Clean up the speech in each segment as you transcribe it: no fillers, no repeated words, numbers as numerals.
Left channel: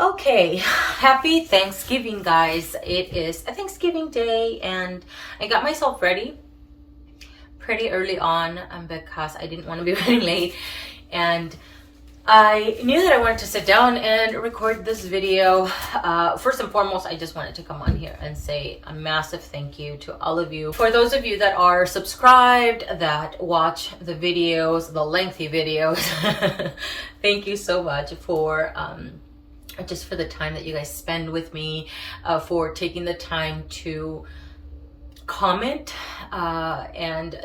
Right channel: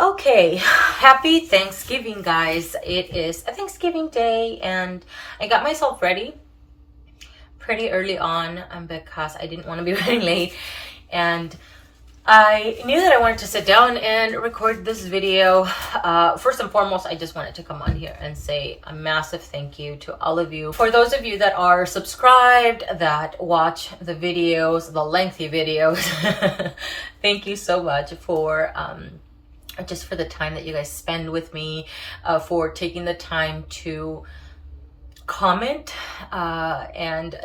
Okay, happy Thanksgiving, guys. It is a Thanksgiving day and I got myself ready pretty early on because I didn't want to be running late, and I knew that I wanted to sit down and record this video. First and foremost, I just wanted to come on here and say a massive thank you to all of you. For those of you that are subscribed, that watch the videos, the lengthy videos, thank you so much for just for the time that you guys spend with me, for taking the time to comment and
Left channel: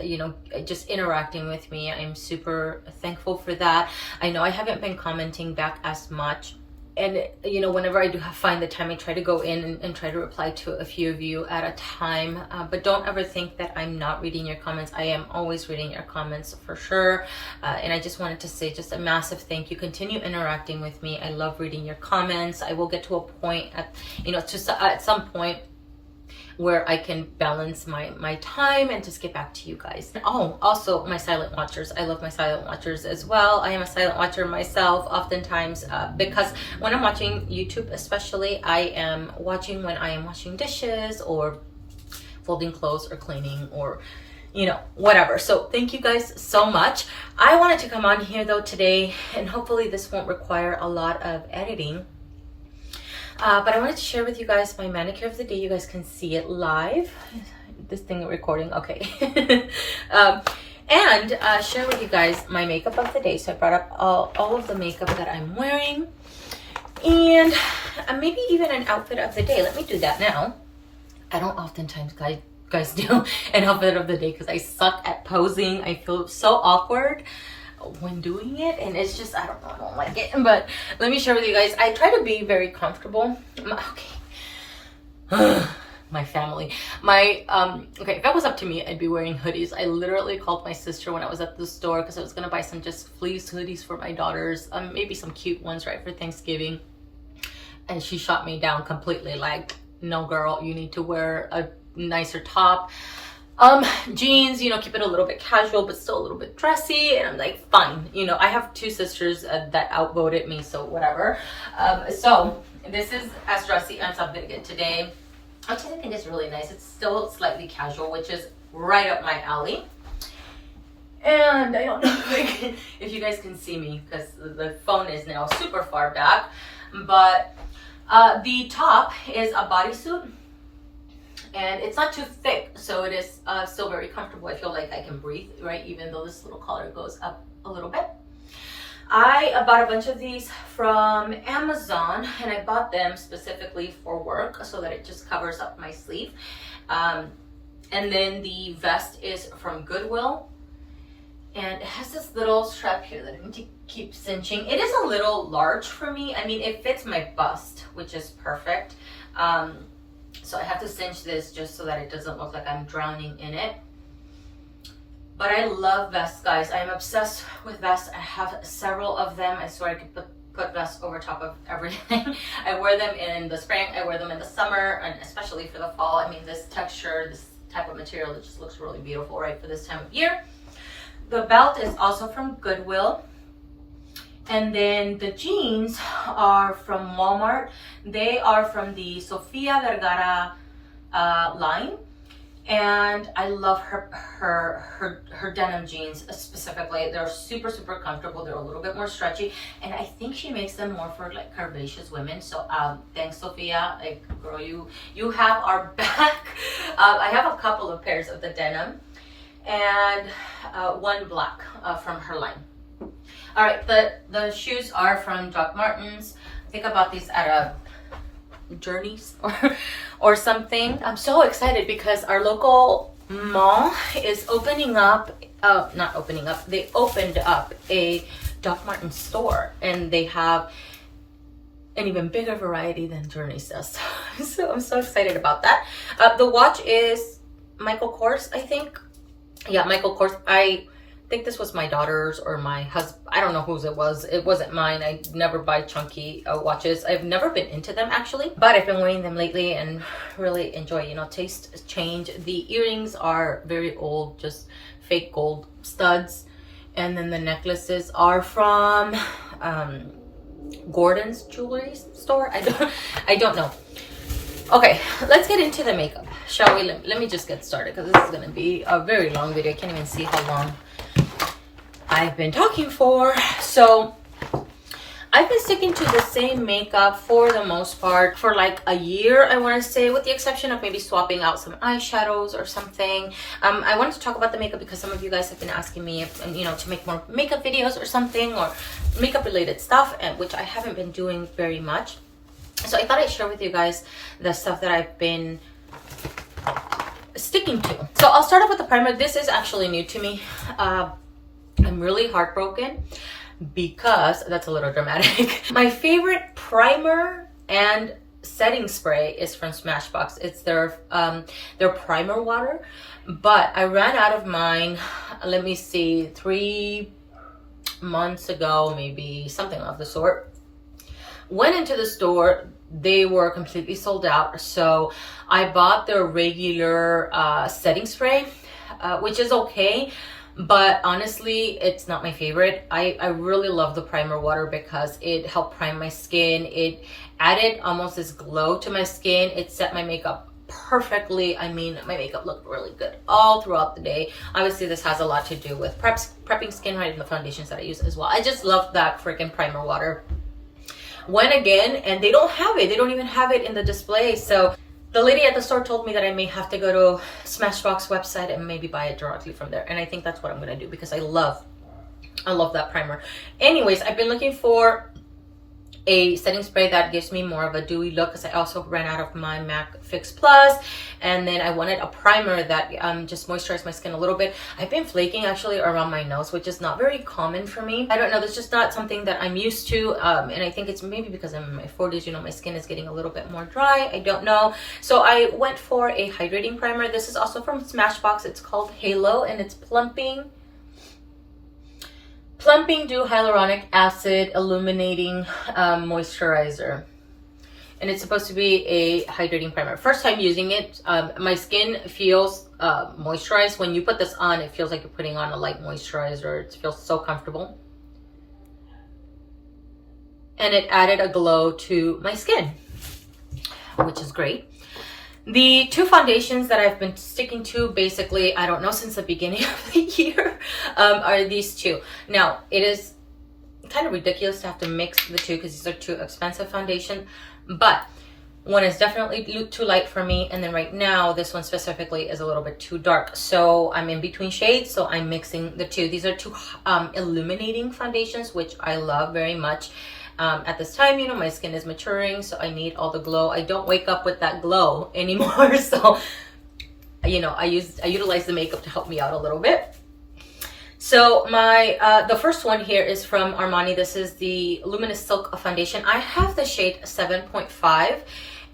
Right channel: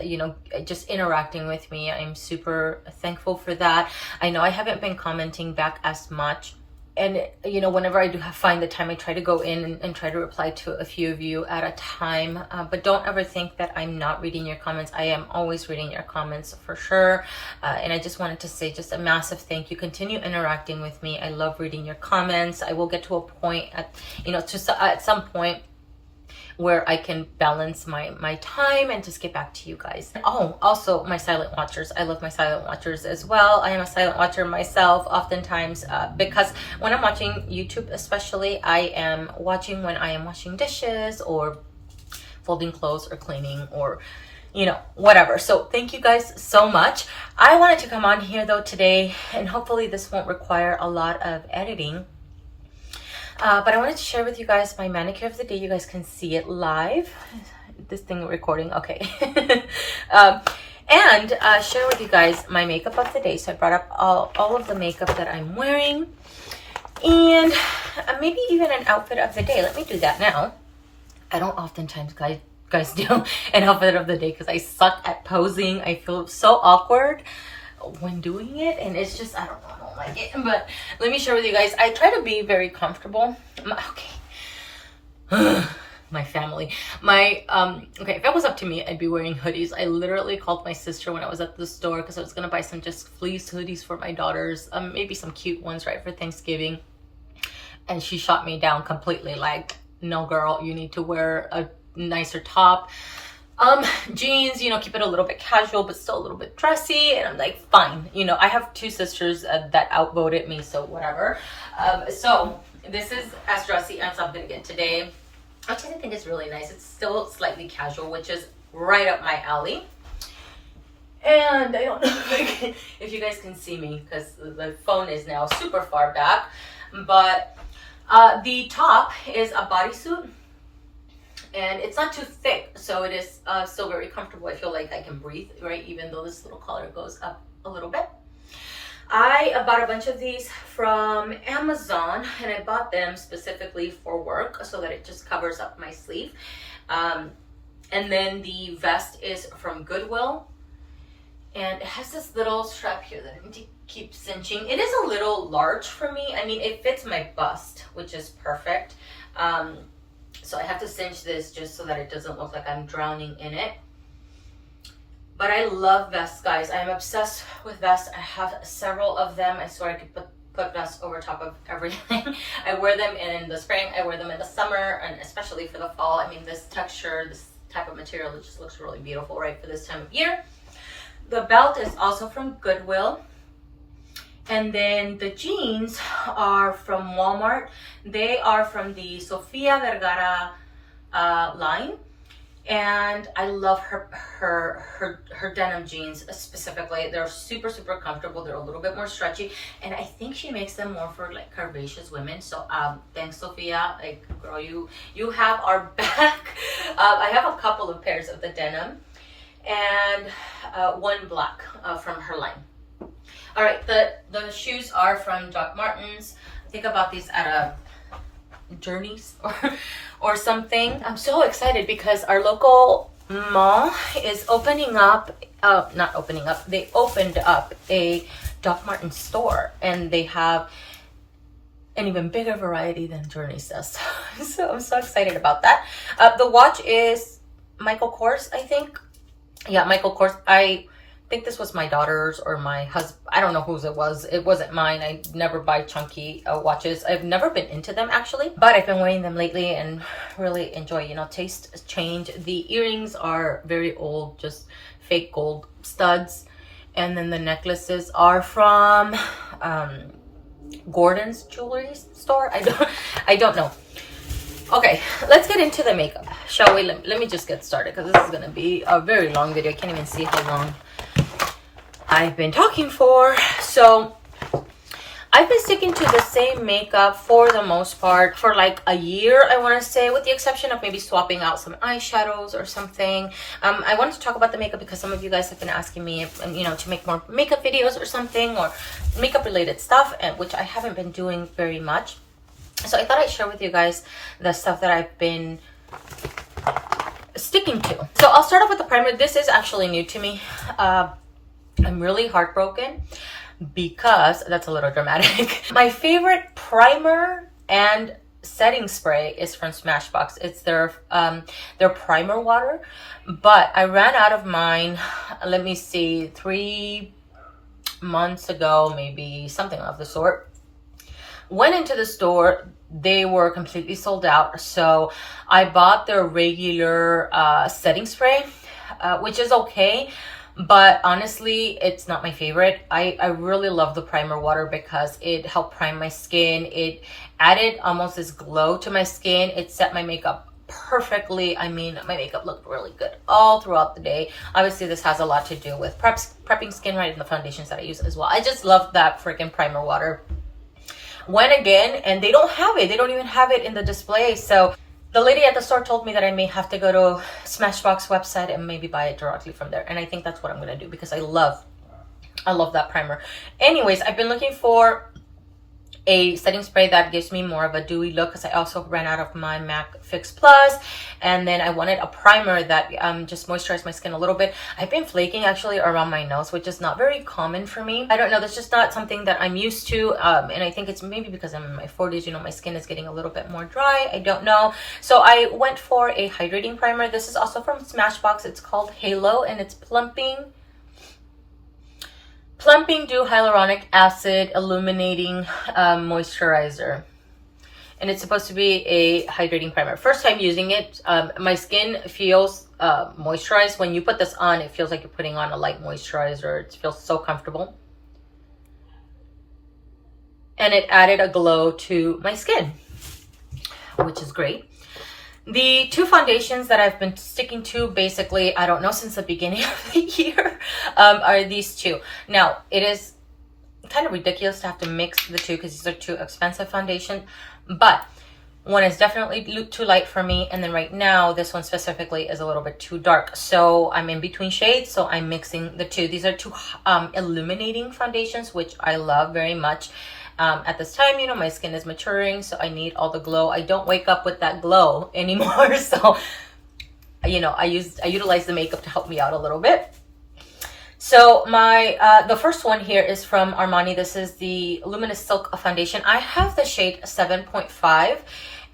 just interacting with me. I'm super thankful for that. I know I haven't been commenting back as much, and whenever I do find the time, I try to go in and try to reply to a few of you at a time, but don't ever think that I'm not reading your comments. I am always reading your comments for sure, and I just wanted to say just a massive thank you. Continue interacting with me. I love reading your comments. I will get to a point at some point where I can balance my time and just get back to you guys. Oh, also my silent watchers. I love my silent watchers as well. I am a silent watcher myself oftentimes, because when I'm watching YouTube especially, I am watching when I am washing dishes or folding clothes or cleaning or whatever. So thank you guys so much. I wanted to come on here though today, and hopefully this won't require a lot of editing. But I wanted to share with you guys my manicure of the day. You guys can see it live. This thing recording, okay. And share with you guys my makeup of the day. So I brought up all of the makeup that I'm wearing, and maybe even an outfit of the day. Let me do that now. I don't oftentimes guys do an outfit of the day because I suck at posing. I feel so awkward when doing it, and it's just I don't like it. But let me share with you guys. I try to be very comfortable. Okay. My family, okay, if it was up to me, I'd be wearing hoodies. I literally called my sister when I was at the store because I was gonna buy some just fleece hoodies for my daughters, maybe some cute ones right for Thanksgiving, and she shot me down completely, like, no girl, you need to wear a nicer top, jeans, keep it a little bit casual but still a little bit dressy. And I'm like, fine. I have two sisters that outvoted me, so whatever. So this is as dressy as I'm gonna get today, which I think is really nice. It's still slightly casual, which is right up my alley. And I don't know if you guys can see me because the phone is now super far back, but the top is a bodysuit, and it's not too thick, so it is still very comfortable. I feel like I can breathe, right, even though this little collar goes up a little bit. I bought a bunch of these from Amazon, and I bought them specifically for work so that it just covers up my sleeve. And then the vest is from Goodwill, and it has this little strap here that I need to keep cinching. It is a little large for me. I mean, it fits my bust, which is perfect. So I have to cinch this just so that it doesn't look like I'm drowning in it. But I love vests, guys. I am obsessed with vests. I have several of them. I swear I could put vests over top of everything. I wear them in the spring. I wear them in the summer, and especially for the fall. I mean, this texture, this type of material, it just looks really beautiful, right, for this time of year. The belt is also from Goodwill. And then the jeans are from Walmart. They are from the Sofia Vergara line, and I love her denim jeans specifically. They're super comfortable. They're a little bit more stretchy, and I think she makes them more for like curvaceous women. So thanks, Sofia. Like, girl, you have our back. I have a couple of pairs of the denim, and one black from her line. All right, the shoes are from Doc Martens. I think I bought these at a Journeys or something. I'm so excited because our local mall is opening up, not opening up, they opened up a Doc Martens store, and they have an even bigger variety than Journeys does. So I'm so excited about that. The watch is Michael Kors, I think. Yeah, Michael Kors. I think this was my daughter's or my husband. I don't know whose it was. It wasn't mine. I never buy chunky watches. I've never been into them actually, but I've been wearing them lately and really enjoy, taste change. The earrings are very old, just fake gold studs. And then the necklaces are from Gordon's jewelry store. I don't know. Okay, let's get into the makeup, shall we? Let me just get started because this is gonna be a very long video. I can't even see how long I've been talking for. So I've been sticking to the same makeup for the most part for like a year, I want to say, with the exception of maybe swapping out some eyeshadows or something. I wanted to talk about the makeup because some of you guys have been asking me if, you know, to make more makeup videos or something, or makeup related stuff, and which I haven't been doing very much. So I thought I'd share with you guys the stuff that I've been sticking to. So I'll start off with the primer. This is actually new to me. I'm really heartbroken because that's a little dramatic. My favorite primer and setting spray is from Smashbox. It's their primer water, but I ran out of mine, let me see, 3 months ago, maybe, something of the sort. Went into the store, they were completely sold out, so I bought their regular setting spray, which is okay, but honestly it's not my favorite. I really love the primer water because it helped prime my skin. It added almost this glow to my skin. It set my makeup perfectly. I mean, my makeup looked really good all throughout the day. Obviously this has a lot to do with prepping skin, right, and the foundations that I use as well. I just love that freaking primer water. Went again and they don't have it. They don't even have it in the display. So the lady at the store told me that I may have to go to Smashbox website and maybe buy it directly from there. And I think that's what I'm going to do because I love that primer. Anyways, I've been looking for a setting spray that gives me more of a dewy look because I also ran out of my MAC Fix Plus, and then I wanted a primer that just moisturized my skin a little bit. I've been flaking actually around my nose, which is not very common for me. I don't know, that's just not something that I'm used to, and I think it's maybe because I'm in my 40s, you know, my skin is getting a little bit more dry. I don't know. So I went for a hydrating primer. This is also from Smashbox. It's called Halo, and it's Plumping Dew Hyaluronic Acid Illuminating Moisturizer. And it's supposed to be a hydrating primer. First time using it, my skin feels moisturized. When you put this on, it feels like you're putting on a light moisturizer. It feels so comfortable. And it added a glow to my skin, which is great. The two foundations that I've been sticking to, basically, I don't know, since the beginning of the year, are these two. Now, it is kind of ridiculous to have to mix the two because these are two expensive foundations, but one is definitely too light for me, and then right now, this one specifically is a little bit too dark. So I'm in between shades, so I'm mixing the two. These are two illuminating foundations, which I love very much. At this time, you know, my skin is maturing, so I need all the glow. I don't wake up with that glow anymore, so you know, I utilize the makeup to help me out a little bit. So my the first one here is from Armani. This is the Luminous Silk Foundation. I have the shade 7.5,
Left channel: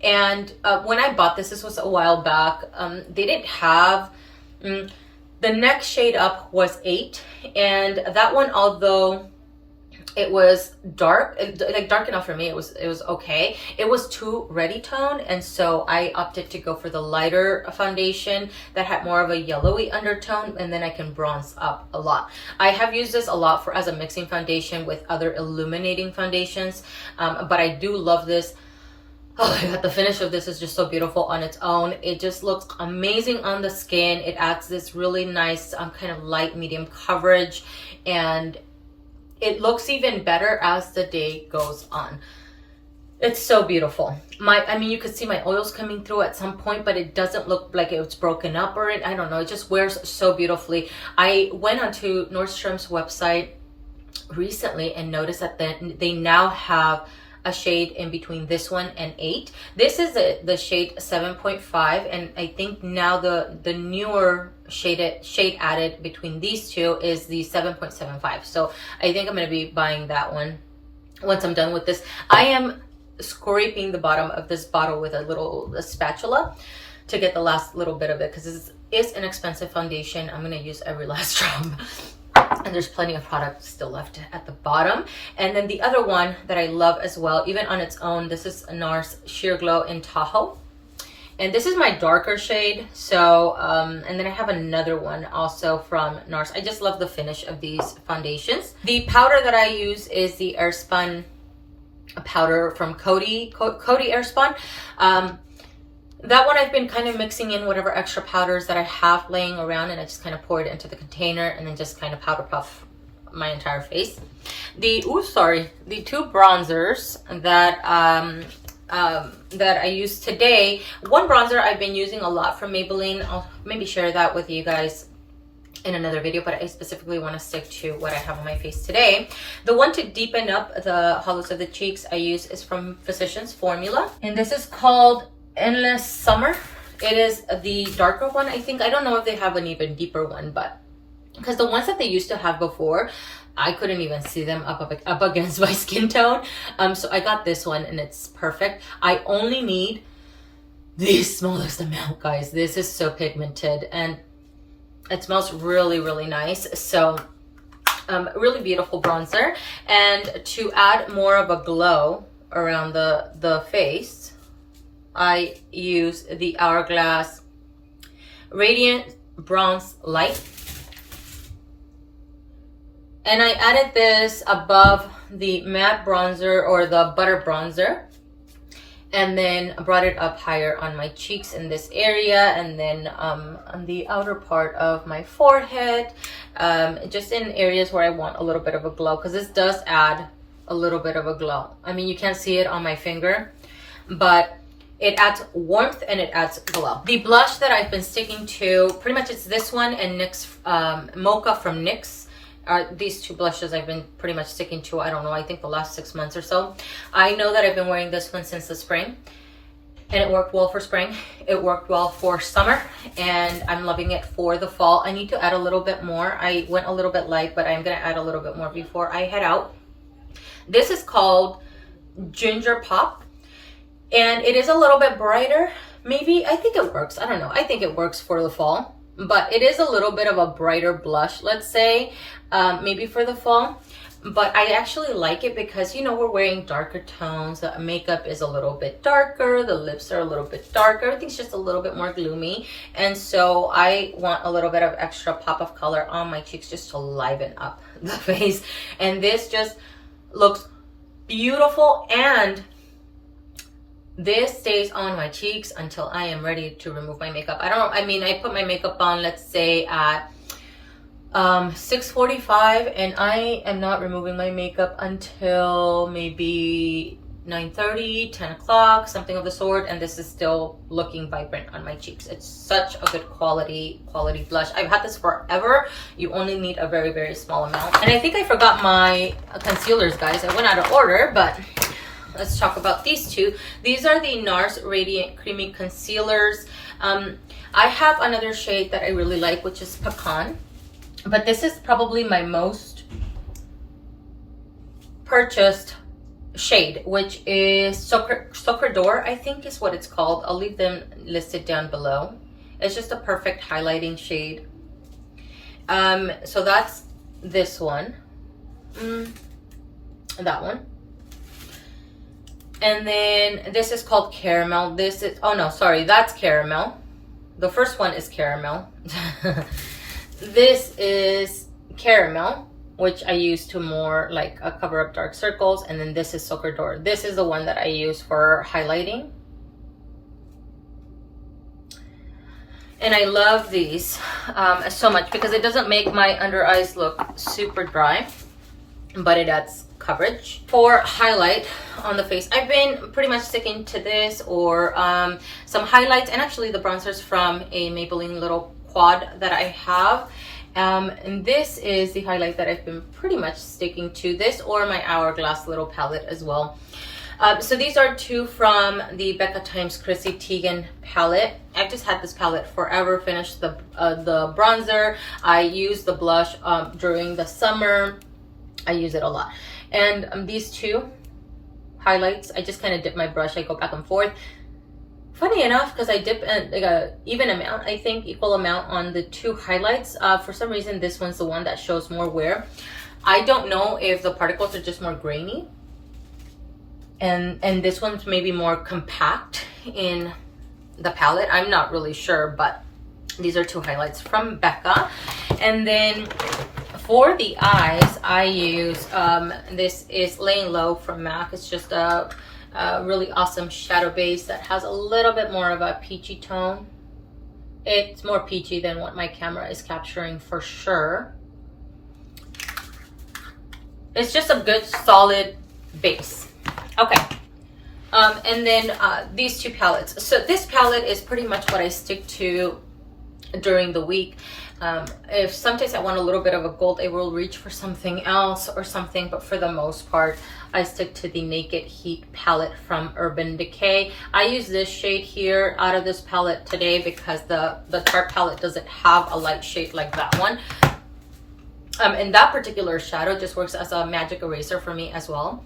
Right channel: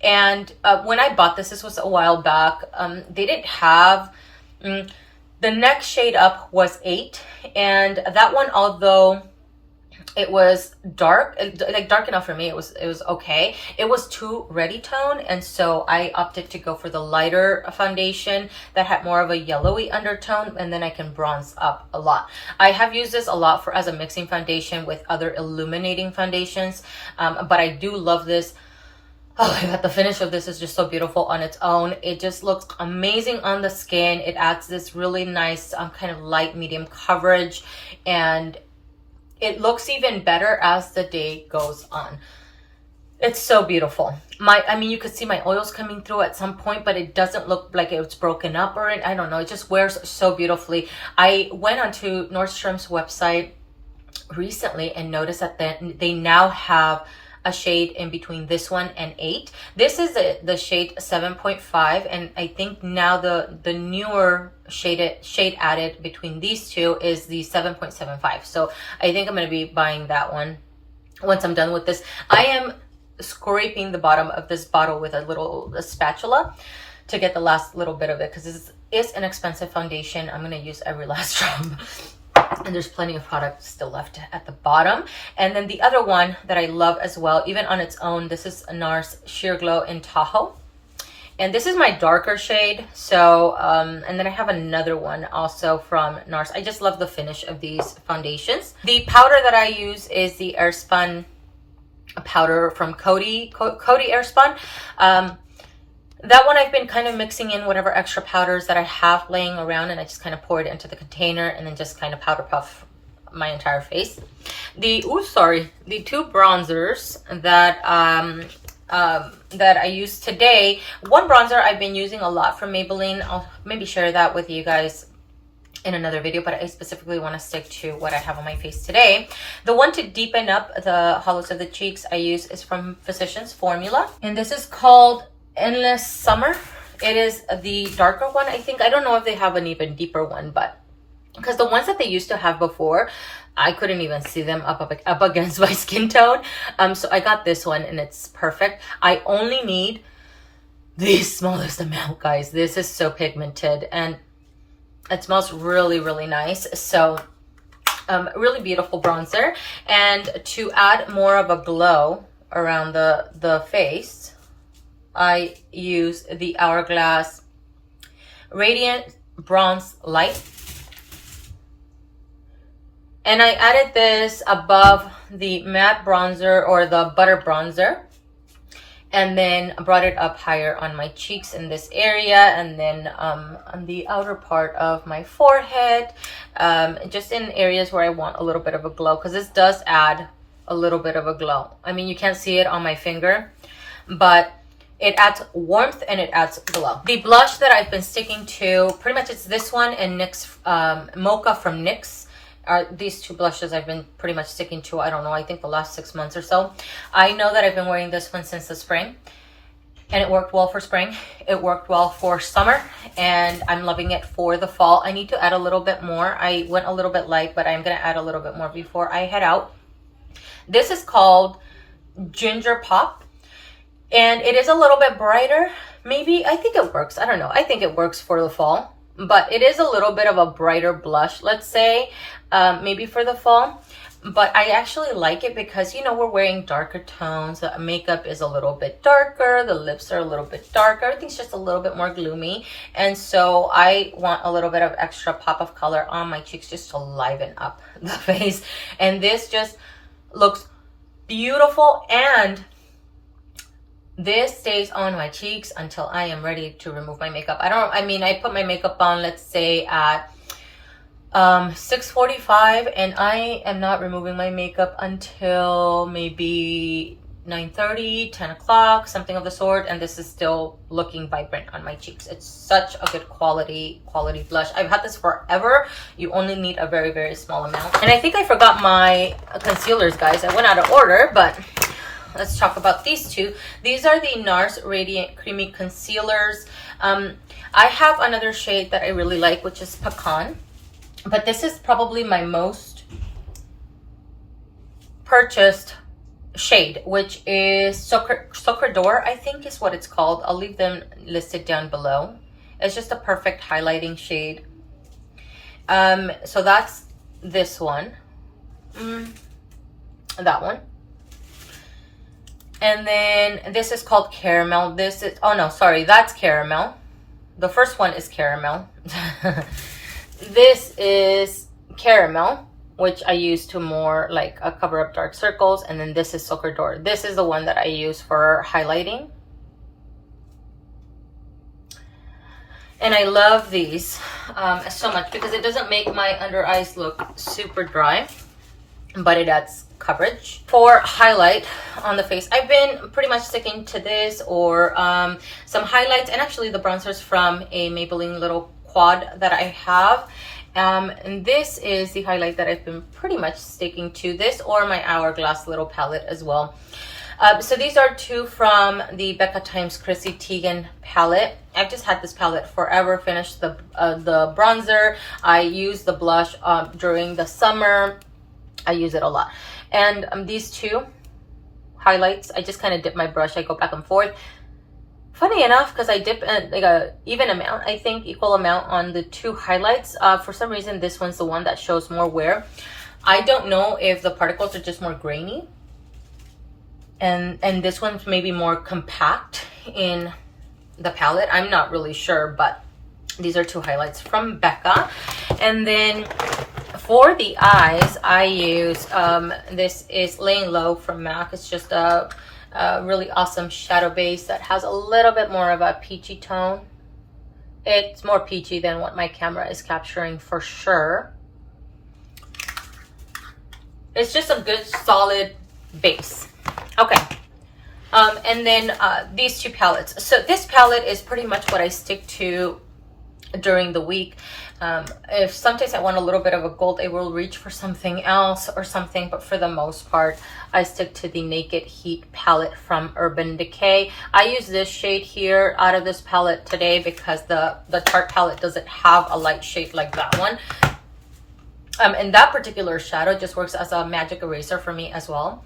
and when I bought this was a while back. They didn't have the next shade up was 8, and that one, although it was dark, like dark enough for me, it was okay. It was too ready tone, and so I opted to go for the lighter foundation that had more of a yellowy undertone, and then I can bronze up a lot. I have used this a lot as a mixing foundation with other illuminating foundations, but I do love this. Oh my god, the finish of this is just so beautiful on its own. It just looks amazing on the skin. It adds this really nice kind of light medium coverage, and it looks even better as the day goes on. It's so beautiful. I mean, you could see my oils coming through at some point, but it doesn't look like it's broken up or I don't know. It just wears so beautifully. I went onto Nordstrom's website recently and noticed that they now have a shade in between this one and 8. This is the shade 7.5, and I think now the newer shade added between these two is the 7.75. So I think I'm going to be buying that one once I'm done with this. I am scraping the bottom of this bottle with a spatula to get the last little bit of it because it's an expensive foundation. I'm going to use every last drop. And there's plenty of product still left at the bottom. And then the other one that I love as well, even on its own, this is Nars Sheer Glow in Tahoe. And this is my darker shade. So, and then I have another one also from Nars. I just love the finish of these foundations. The powder that I use is the airspun powder from Cody airspun. That one I've been kind of mixing in whatever extra powders that I have laying around, and I just kind of pour it into the container and then just kind of powder puff my entire face. The two bronzers that that I used today. One bronzer I've been using a lot from Maybelline. I'll maybe share that with you guys in another video, but I specifically want to stick to what I have on my face today. The one to deepen up the hollows of the cheeks I use is from Physicians Formula, and this is called Endless Summer. It is the darker one, I think. I don't know if they have an even deeper one, but because the ones that they used to have before, I couldn't even see them up against my skin tone. So I got this one and it's perfect. I only need the smallest amount, guys. This is so pigmented and it smells really, really nice. So really beautiful bronzer. And to add more of a glow around the face, I use the Hourglass Radiant Bronze Light. And I added this above the matte bronzer or the butter bronzer. And then brought it up higher on my cheeks in this area. And then on the outer part of my forehead. Just in areas where I want a little bit of a glow. Because this does add a little bit of a glow. I mean, you can't see it on my finger. But it adds warmth and it adds glow. The blush that I've been sticking to, pretty much it's this one and NYX Mocha from NYX. These two blushes I've been pretty much sticking to, I don't know, I think the last 6 months or so. I know that I've been wearing this one since the spring. And it worked well for spring. It worked well for summer. And I'm loving it for the fall. I need to add a little bit more. I went a little bit light, but I'm going to add a little bit more before I head out. This is called Ginger Pop. And it is a little bit brighter. Maybe, I think it works. I don't know. I think it works for the fall. But it is a little bit of a brighter blush, let's say. Maybe for the fall. But I actually like it because, you know, we're wearing darker tones. The makeup is a little bit darker. The lips are a little bit darker. Everything's just a little bit more gloomy. And so I want a little bit of extra pop of color on my cheeks just to liven up the face. And this just looks beautiful, and this stays on my cheeks until I am ready to remove my makeup. I put my makeup on, let's say at 6:45, and I am not removing my makeup until maybe 9:30, 10 o'clock, something of the sort, and this is still looking vibrant on my cheeks. It's such a good quality blush. I've had this forever. You only need a very, very small amount. And I think I forgot my concealers, guys. I went out of order, but let's talk about these two. These are the Nars Radiant Creamy Concealers. I have another shade that I really like, which is Pecan. But this is probably my most purchased shade, which is Sucre d'Or, I think is what it's called. I'll leave them listed down below. It's just a perfect highlighting shade. So that's this one. That one. And then this is called Caramel. This is, oh no, sorry, that's Caramel. The first one is Caramel. This is Caramel, which I use to more like cover up dark circles. And then this is Sucre d'Or. This is the one that I use for highlighting. And I love these so much because it doesn't make my under eyes look super dry, but it adds coverage. For highlight on the face, I've been pretty much sticking to this or some highlights, and actually the bronzers from a Maybelline little quad that I have. And this is the highlight that I've been pretty much sticking to, this or my Hourglass little palette as well. So these are two from the Becca times Chrissy Teigen palette. I've just had this palette forever. Finished the bronzer. I use the blush during the summer. I use it a lot. And these two highlights, I just kind of dip my brush. I go back and forth. Funny enough, because I dip like a even amount, I think equal amount on the two highlights. For some reason, this one's the one that shows more wear. I don't know if the particles are just more grainy, and this one's maybe more compact in the palette. I'm not really sure, but these are two highlights from Becca. And then For the eyes, I use, this is Laying Low from MAC. It's just a really awesome shadow base that has a little bit more of a peachy tone. It's more peachy than what my camera is capturing for sure. It's just a good solid base. Okay. And then these two palettes. So this palette is pretty much what I stick to during the week. If sometimes I want a little bit of a gold, I will reach for something else or something, but for the most part I stick to the Naked Heat palette from Urban Decay. I use this shade here out of this palette today because the Tarte palette doesn't have a light shade like that one. And that particular shadow just works as a magic eraser for me as well,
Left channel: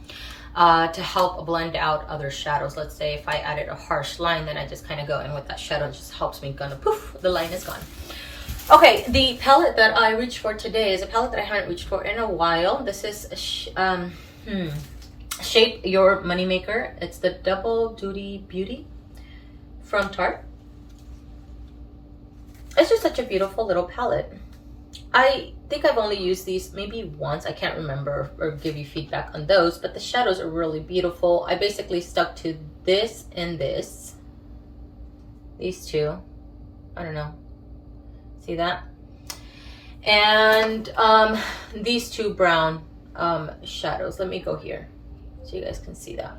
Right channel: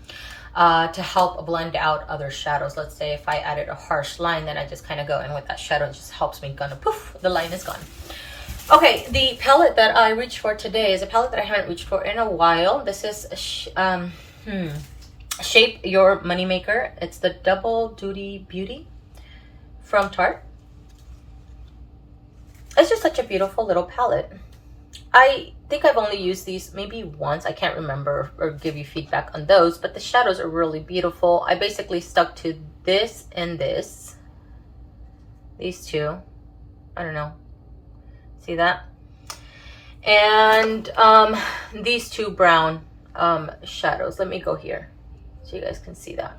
to help blend out other shadows. Let's say if I added a harsh line, then I just kind of go in with that shadow. It just helps me kind of poof, the line is gone. Okay, the palette that I reached for today is a palette that I haven't reached for in a while. This is Shape Your Moneymaker. It's the Double Duty Beauty from Tarte. It's just such a beautiful little palette. I think I've only used these maybe once. I can't remember or give you feedback on those, but the shadows are really beautiful. I basically stuck to this and this. These two. I don't know. See that? And these two brown shadows. Let me go here so you guys can see that.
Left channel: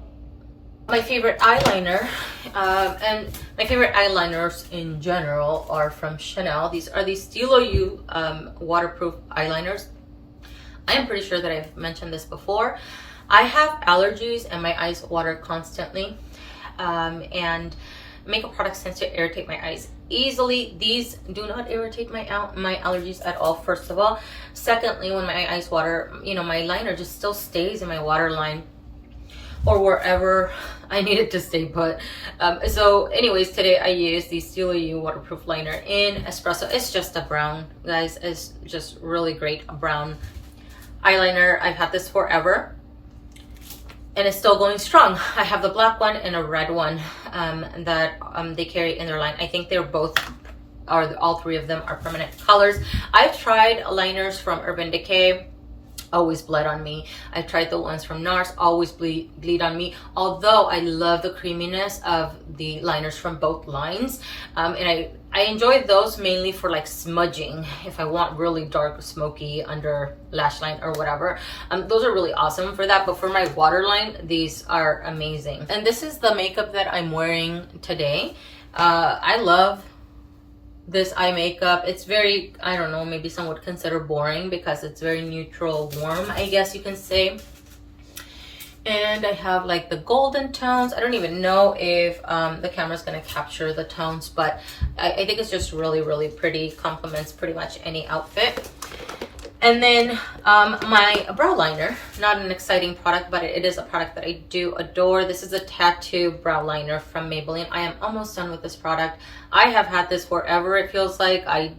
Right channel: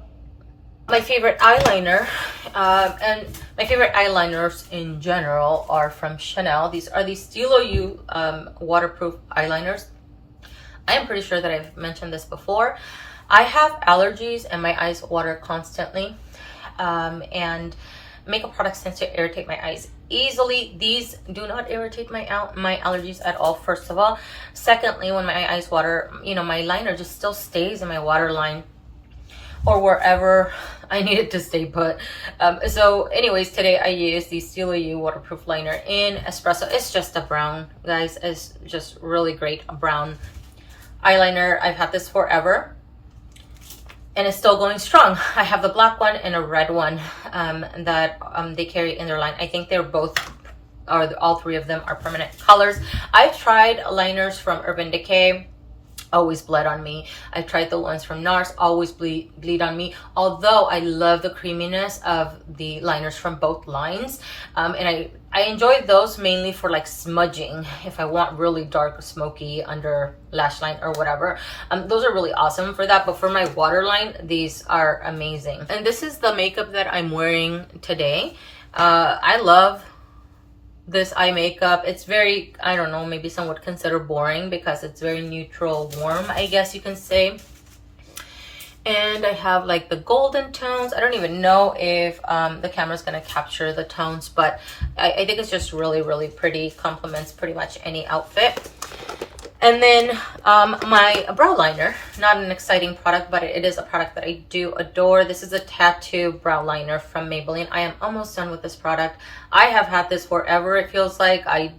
My favorite eyeliner, and my favorite eyeliners in general are from Chanel. These are the Stylo You waterproof eyeliners. I am pretty sure that I've mentioned this before. I have allergies and my eyes water constantly, and makeup products tend to irritate my eyes easily. These do not irritate my allergies at all, first of all. Secondly, when my eyes water, you know, my liner just still stays in my waterline or wherever I need it to stay put. So anyways, today I used the Stylo You waterproof liner in espresso. It's just a brown, guys. It's just really great brown eyeliner. I've had this forever and it's still going strong. I have the black one and a red one that they carry in their line. I think they're both, or all three of them are permanent colors. I've tried liners from Urban Decay, always bled on me. I've tried the ones from Nars, always bleed on me. Although I love the creaminess of the liners from both lines. And I enjoy those mainly for like smudging. If I want really dark, smoky under lash line or whatever. Those are really awesome for that. But for my waterline, these are amazing. And this is the makeup that I'm wearing today. I love this eye makeup. It's very, I don't know, maybe some would consider boring because it's very neutral warm, I guess you can say. And I have like the golden tones. I don't even know if the camera's gonna capture the tones, but I think it's just really, really pretty. Complements pretty much any outfit. And then my brow liner, not an exciting product, but it is a product that I do adore. This is a tattoo brow liner from Maybelline. I am almost done with this product. I have had this forever. It feels like I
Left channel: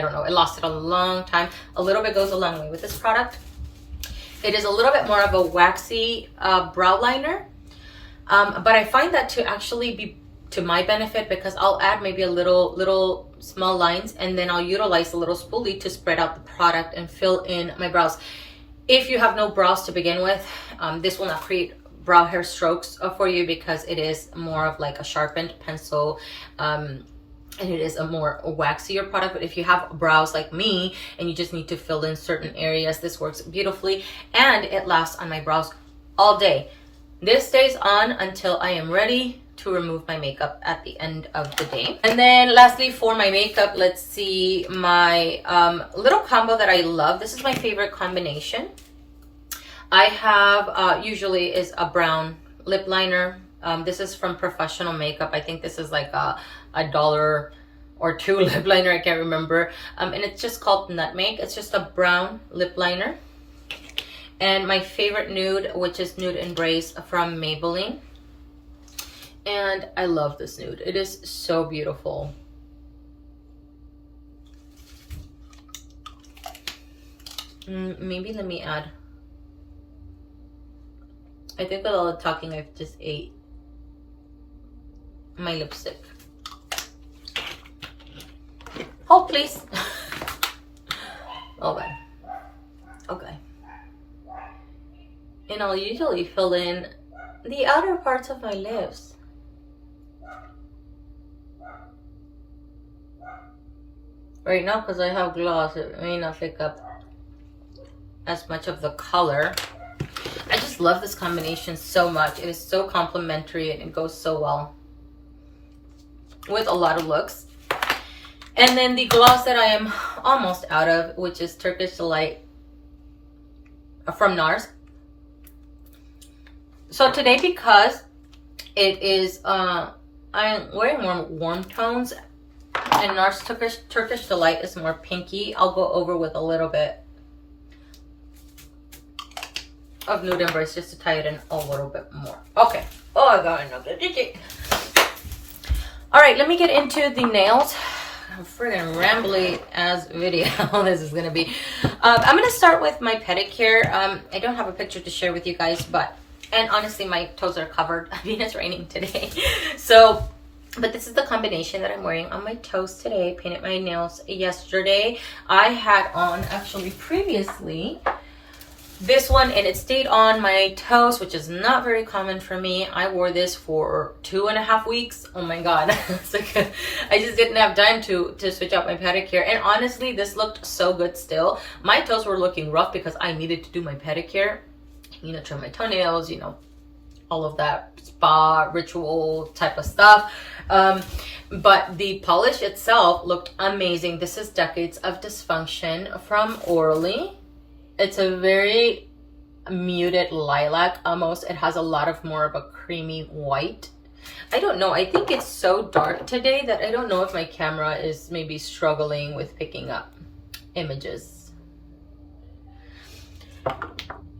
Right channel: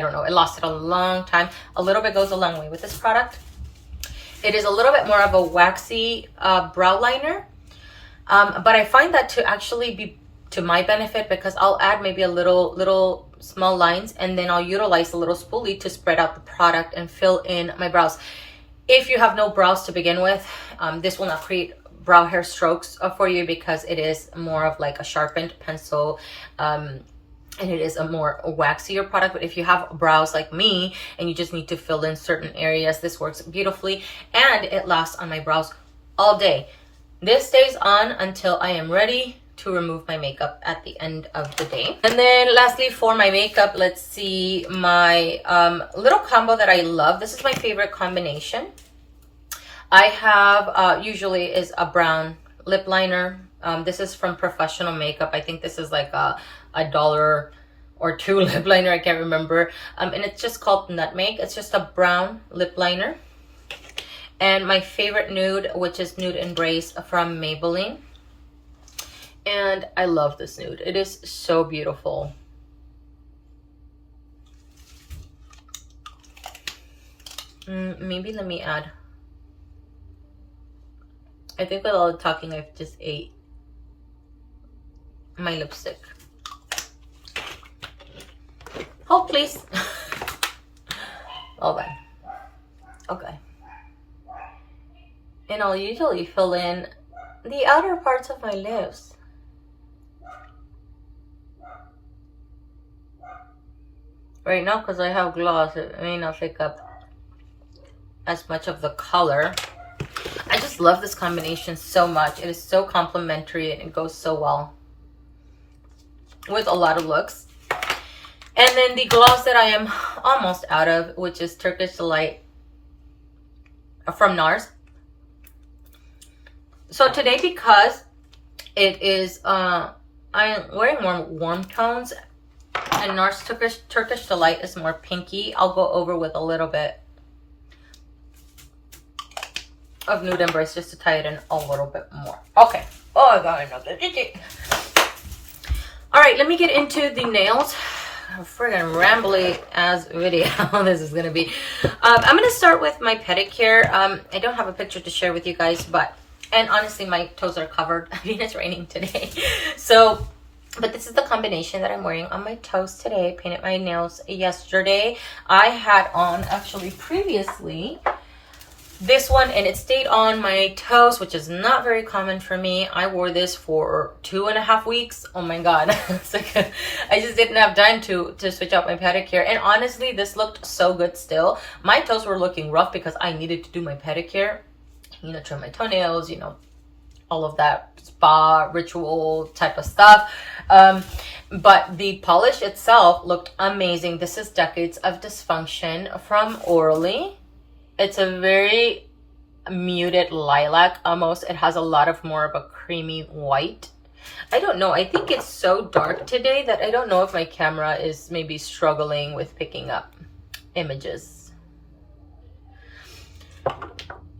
don't know, it lasted a long time. A little bit goes a long way with this product. It is a little bit more of a waxy brow liner, but I find that to actually be to my benefit because I'll add maybe a little small lines and then I'll utilize a little spoolie to spread out the product and fill in my brows. If you have no brows to begin with, this will not create brow hair strokes for you because it is more of like a sharpened pencil, and it is a more waxier product. But if you have brows like me and you just need to fill in certain areas, this works beautifully and it lasts on my brows all day. This stays on until I am ready to remove my makeup at the end of the day. And then lastly for my makeup, let's see my little combo that I love. This is my favorite combination. I have usually is a brown lip liner. This is from Professional Makeup. I think this is like a $1 or $2 lip liner, I can't remember. And it's just called Nutmeg. It's just a brown lip liner. And my favorite nude, which is Nude Embrace from Maybelline. And I love this nude. It is so beautiful. Maybe let me add. I think with all the talking, I've just ate my lipstick. Hold please. Hold on. Okay. And I'll usually fill in the outer parts of my lips. Right now, because I have gloss, it may not pick up as much of the color. I just love this combination so much. It is so complimentary and it goes so well with a lot of looks. And then the gloss that I am almost out of, which is Turkish Delight from Nars. So today, because it is, I'm wearing more warm tones, and Nars Turkish Delight is more pinky, I'll go over with a little bit of Nude Embrace just to tie it in a little bit more. Okay. Oh, I got another. All right, let me get into the nails. Friggin' rambly as video this is gonna be. I'm gonna start with my pedicure. I don't have a picture to share with you guys, and honestly my toes are covered. I mean, it's raining today, so but this is the combination that I'm wearing on my toes today. Painted my nails yesterday. I had on actually previously this one, and it stayed on my toes, which is not very common for me. I wore this for 2.5 weeks. Oh my god. It's like I just didn't have time to switch out my pedicure, and honestly this looked so good still. My toes were looking rough because I needed to do my pedicure, you know, trim my toenails, you know, all of that spa ritual type of stuff. But the polish itself looked amazing. This is Decades of Dysfunction from Orly. It's a very muted lilac almost. It has a lot of more of a creamy white. I don't know. I think it's so dark today that I don't know if my camera is maybe struggling with picking up images.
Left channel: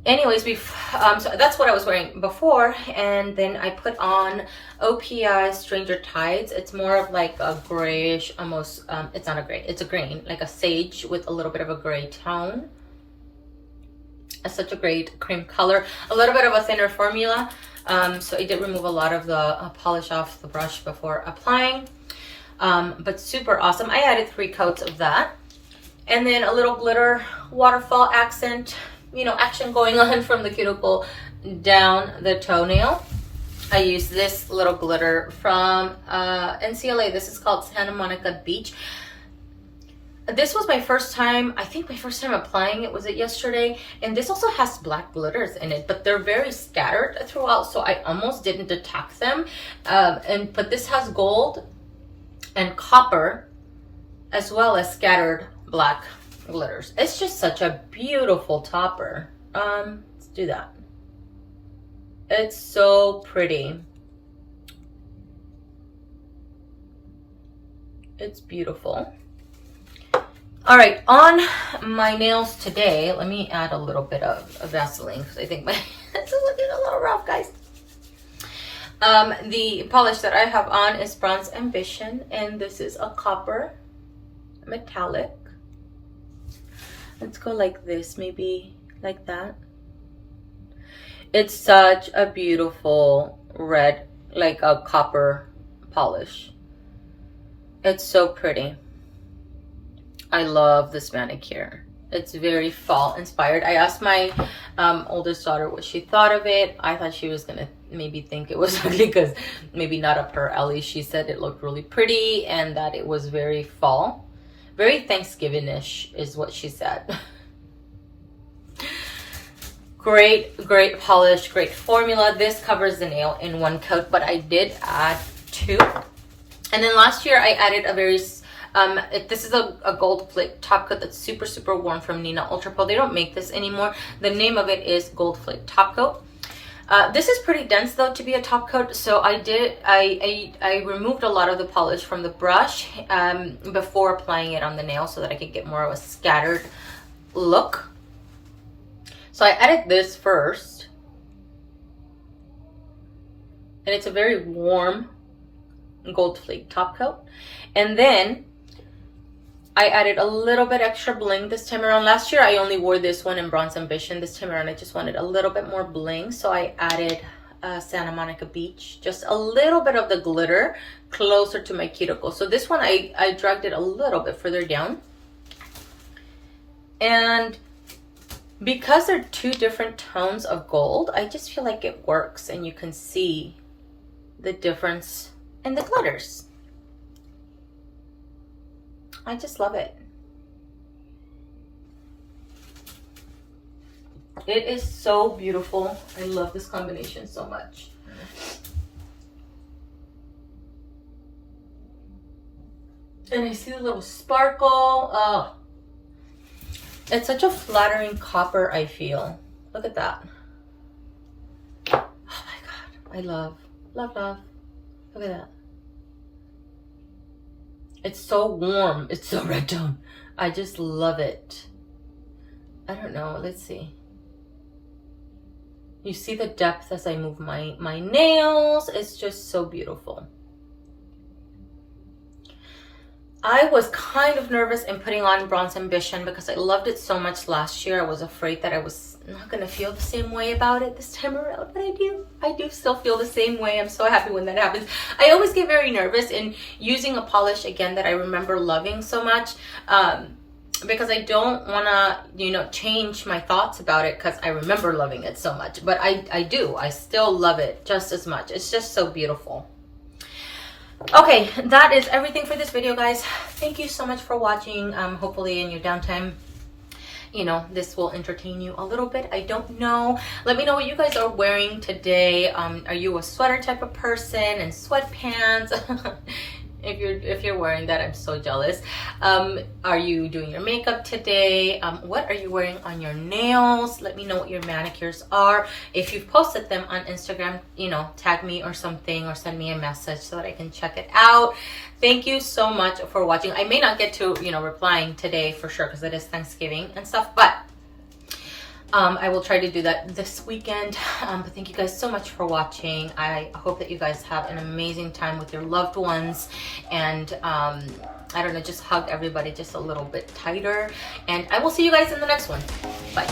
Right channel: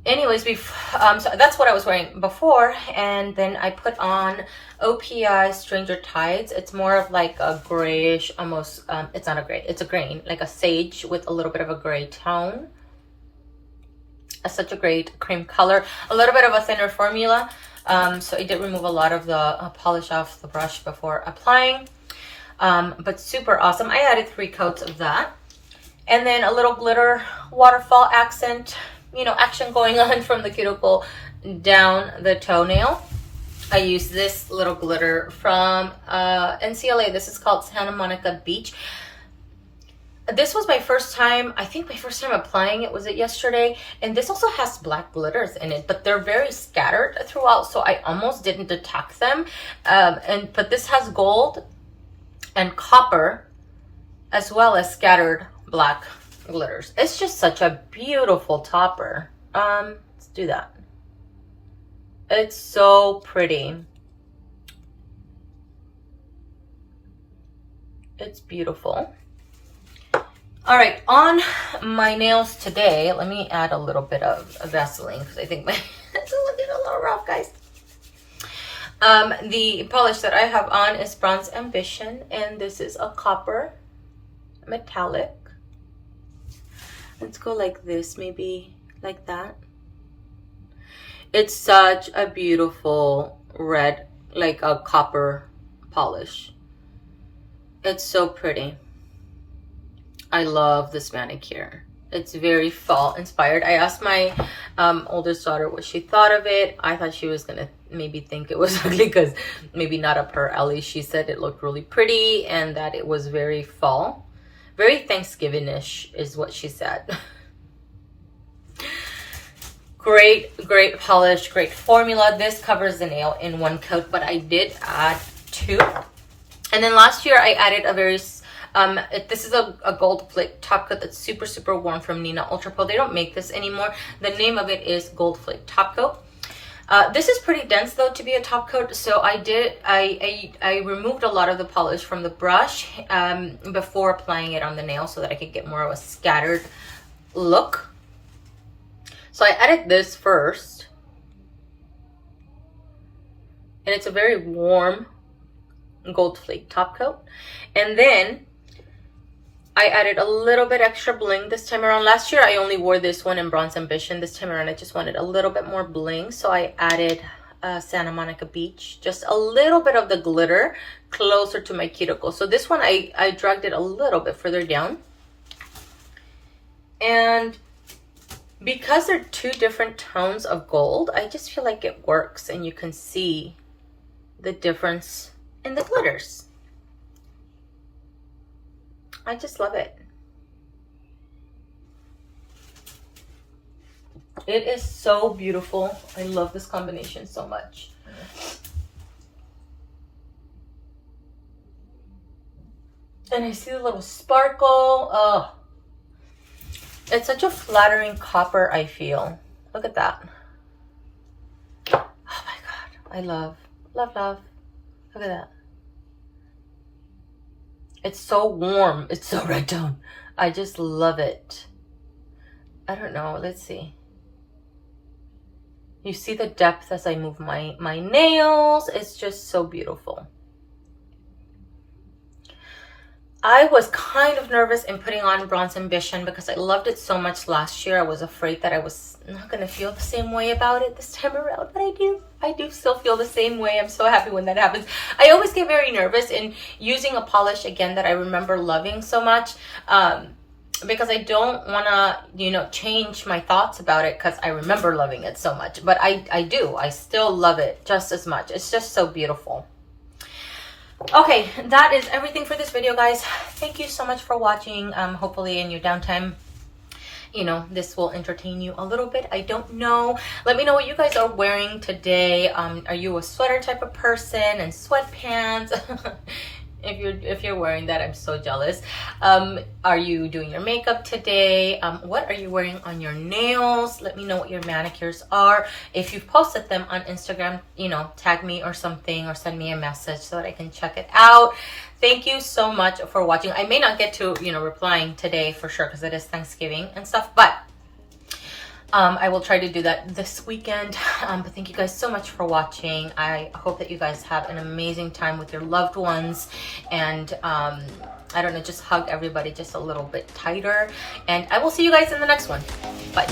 Anyways, so that's what I was wearing before, and then I put on OPI Stranger Tides. It's more of like a grayish, almost, it's not a gray, it's a grain, like a sage with a little bit of a gray tone. Such a great cream color, a little bit of a thinner formula, so I did remove a lot of the polish off the brush before applying, but super awesome. I added 3 coats of that, and then a little glitter waterfall accent, you know, action going on from the cuticle down the toenail. I used this little glitter from NCLA. This is called Santa Monica Beach. This was my first time, I think my first time applying it was yesterday, and this also has black glitters in it, but they're very scattered throughout, so I almost didn't detect them. But this has gold and copper as well as scattered black glitters. It's just such a beautiful topper. Let's do that. It's so pretty. It's beautiful. All right, on my nails today, let me add a little bit of Vaseline because I think my hands are looking a little rough, guys. The polish that I have on is Bronze Ambition, and this is a copper metallic. Let's go like this, maybe like that. It's such a beautiful red, like a copper polish. It's so pretty. I love this manicure. It's very fall inspired. I asked my oldest daughter what she thought of it. I thought she was gonna maybe think it was ugly because maybe not up her alley. She said it looked really pretty and that it was very fall. Very Thanksgiving-ish is what she said. Great polish, great formula. This covers the nail in 1 coat, but I did add 2. And then last year I added a very this is a gold flake top coat that's super warm from Nina Ultra Pro. They don't make this anymore. The name of it is Gold Flake Top Coat. This is pretty dense though to be a top coat, so I removed a lot of the polish from the brush before applying it on the nail so that I could get more of a scattered look. So I added this first, and it's a very warm gold flake top coat, and then I added a little bit extra bling this time around. Last year I only wore this one in Bronze Ambition. This time around I just wanted a little bit more bling, so I added Santa Monica Beach, just a little bit of the glitter closer to my cuticle. So this one I dragged it a little bit further down, and Because they're two different tones of gold, I just feel like it works and you can see the difference in the glitters. I just love it. It is so beautiful. I love this combination so much. And I see the little sparkle. Oh, it's such a flattering copper, I feel. Look at that. Oh my God. I love, love, love. Look at that. It's so warm. It's so red tone. I just love it. I don't know. Let's see. You see the depth as I move my nails. It's just so beautiful. I was kind of nervous in putting on Bronze Ambition because I loved it so much last year. I was afraid that I was not going to feel the same way about it this time around, but I do still feel the same way. I'm so happy when that happens. I always get very nervous in using a polish again that I remember loving so much, because I don't want to, you know, change my thoughts about it because I remember loving it so much. But I do. I still love it just as much. It's just so beautiful. Okay, that is everything for this video, guys. Thank you so much for watching. Hopefully in your downtime, you know, this will entertain you a little bit. I don't know. Let me know what you guys are wearing today. Are you a sweater type of person and sweatpants? If you're wearing that, I'm so jealous. Are you doing your makeup today? What are you wearing on your nails? Let me know what your manicures are. If you've posted them on Instagram, you know, tag me or something, or send me a message so that I can check it out. Thank you so much for watching. I may not get to, you know, replying today for sure because it is Thanksgiving and stuff, but I will try to do that this weekend. But thank you guys so much for watching. I hope that you guys have an amazing time with your loved ones. And I don't know, just hug everybody just a little bit tighter. And I will see you guys in the next one. Bye.